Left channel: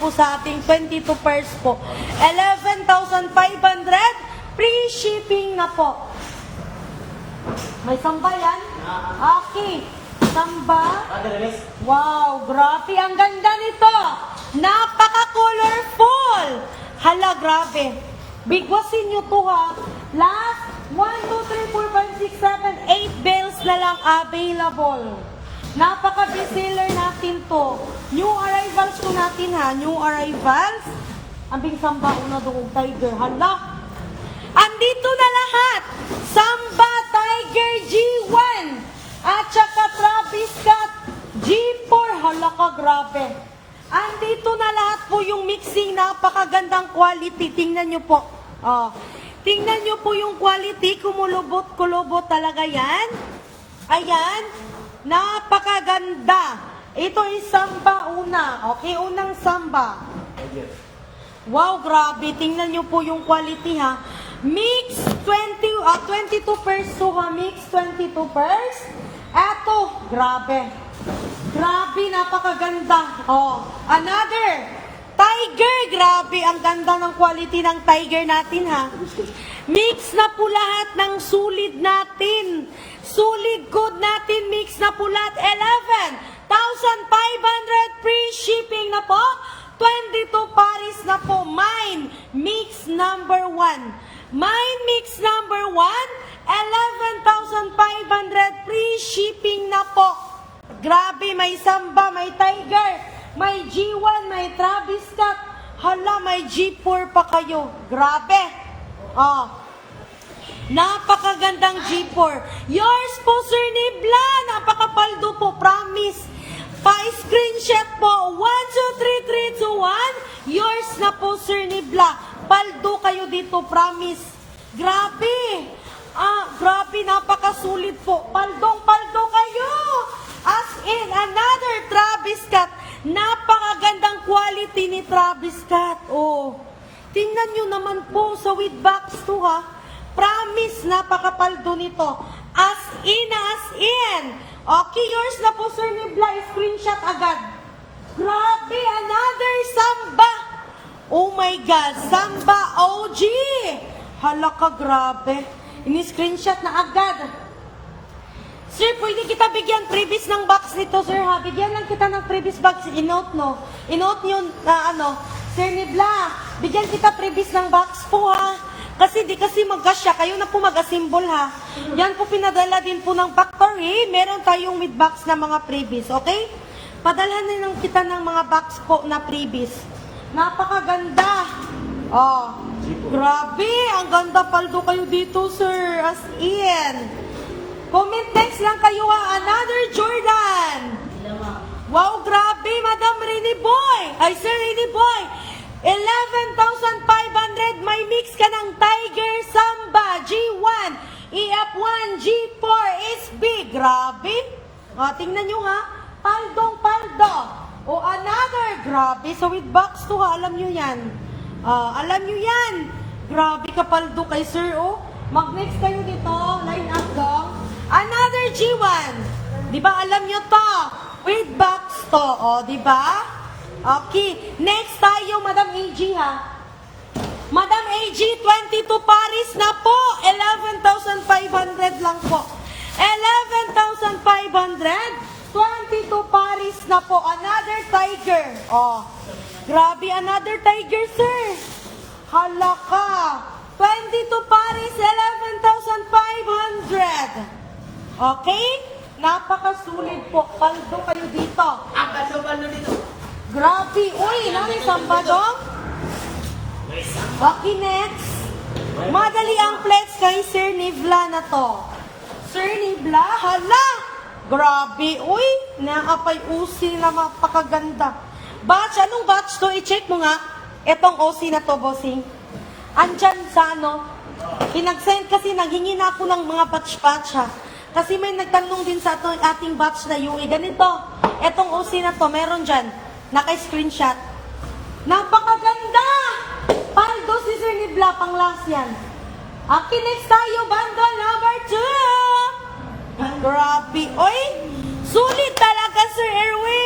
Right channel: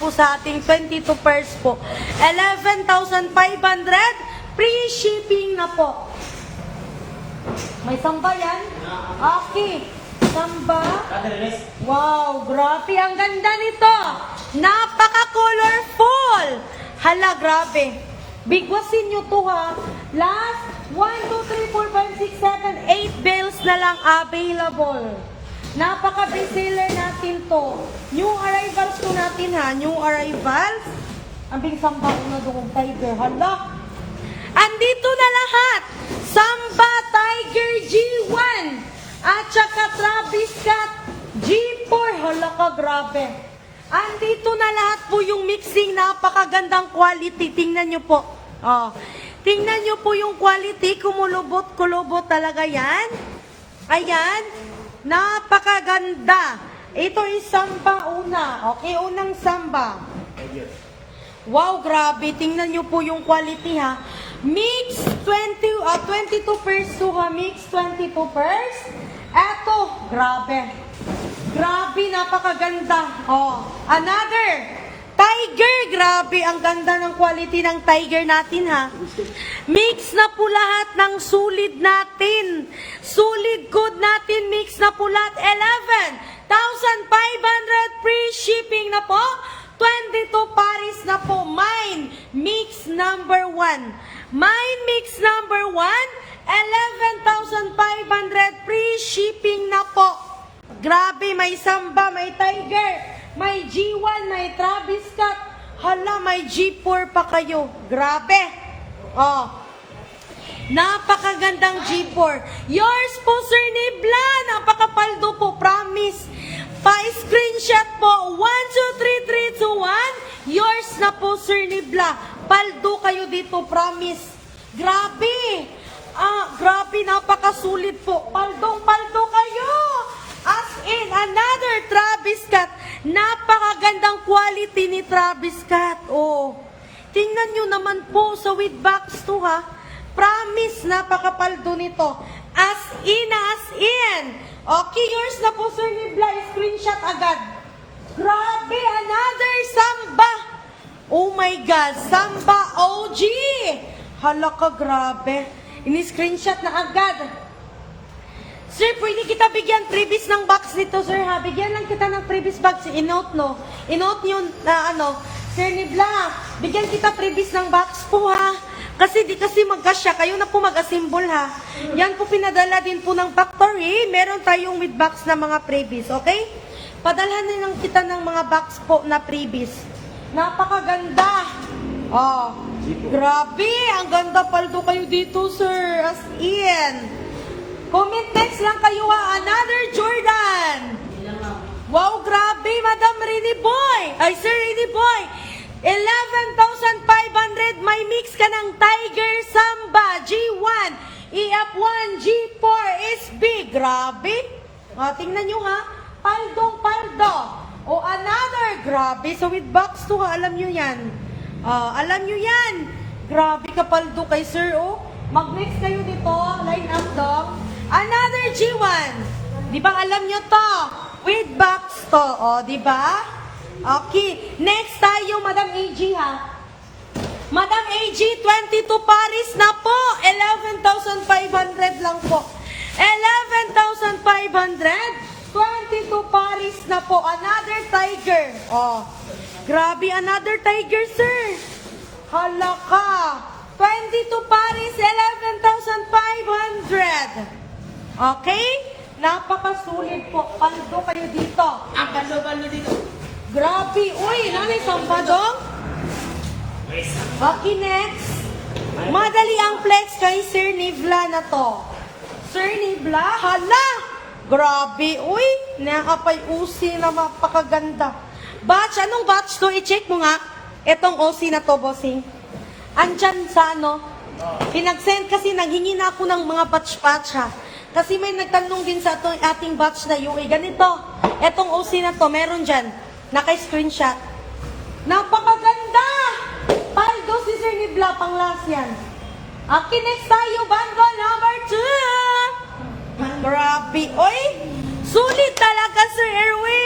po sa ating 22 pairs po. 11,500, free shipping na po. May samba yan? Okay. Samba. Wow, grabe. Ang ganda nito. Napaka-colorful. Hala, grabe. Bigwasin nyo to ha. Last 1, 2, 3, 4, 5, 6, 7, 8 bales na lang available. Napaka-bestseller natin to. New arrivals to natin ha. New arrivals. Ang big samba una doon tiger. Hala. Andito na lahat. Samba Tiger G1 at saka Travis Scott G4. Hala ka, grabe. Andito na lahat po yung mixing. Napakagandang quality. Tingnan nyo po. Oh. Tingnan nyo po yung quality. Kumulubot-kulubot talaga yan. Ayan. Napakaganda. Ito is samba una. Okay, unang samba. Wow, grabe. Tingnan nyo po yung quality ha. Mix 22 pairs to ha. Mix 22 pairs. Eto, grabe. Grabe, napakaganda. Oh, another. Tiger, grabe. Ang ganda ng quality ng tiger natin ha. Mix na po lahat ng sulid natin. Sulid code natin, mix na po lahat. 11,500 free shipping na po. 22 paris na po. Mine mix number 1. Mine mix number 1. 11,500 free shipping na po. Grabe, may samba, may tiger. May G1, may Travis Scott. Hala, may G4 pa kayo. Grabe. Oh. Napakagandang G4. Yours po, Sir Nibla. Napakapaldo po, promise. Pa-screenshot po. 1, 2, 3, 3, 2, 1. Yours na po, Sir Nibla. Paldo kayo dito, promise. Grabe. Grabe, napakasulit po. Paldong-paldo kayo. As in, another Travis Scott. Napakagandang quality ni Travis Scott. Oh. Tingnan nyo naman po sa with box to ha. Promise, napakapaldo nito. As in. Okay, yours na po, Sir Nibla. Screenshot agad. Grabe, another samba. Oh my God, samba OG. Hala ka, grabe. Ini-screenshot na agad. Sir, pwede kita bigyan previous ng box nito, sir ha. Bigyan lang kita ng previous box. I-note, no? I-note nyo na Sir Nibla, bigyan kita previous ng box po ha. Kasi di kasi magkasya. Kayo na po mag-assemble ha. Yan po pinadala din po ng factory. Meron tayong with box na mga previous, okay? Padalhan na lang kita ng mga box po na previous. Napakaganda. Oh, grabe. Ang ganda paldo kayo dito, sir. As in. Comment text lang kayo ha. Another Jordan. Wow, grabe, Madam Rini Boy. Ay, Sir Rini Boy. 11,500. May mix ka ng Tiger Samba G1, EF1, G4, SB. Grabe. Tingnan nyo ha. Paldong-paldo. O another. Grabe. So with box to ha. Alam nyo yan. Alam nyo yan. Grabe ka paldo kay Sir. Oh. Mag-mix kayo dito. Line up dong. Another G1. Di ba alam nyo to? With box to. O, di ba? Okay. Next tayo, Madam AG ha. Madam AG, 22 paris na po. 11,500 lang po. 11,500. 22 paris na po. Another tiger. Oh. Grabe, another tiger, sir. Hala ka. 22 paris, 11,500. Okay? Napakasulit po. Paldo kayo dito. Ang balo-balo nito. Grabe. Uy, ano yung samba dong? Okay, next. Madali ang flex kay Sir Nibla na to. Sir Nibla, hala. Grabe. Uy, nakapay usi na mapakaganda. Batch, anong batch to? I-check mo nga. Etong OC na to, bossing. Andyan sa pinag-send kasi nanghingi na ako ng mga batch-batch ha. Kasi may nagtanong din sa ating batch na UE. Ganito, etong OC na to, meron dyan. Naka-screenshot. Napakaganda! Paldo si Sir Nibla, pang last yan. Okay, next tayo, bundle number 2. Grabe. Oy, sulit talaga, Sir Erwin.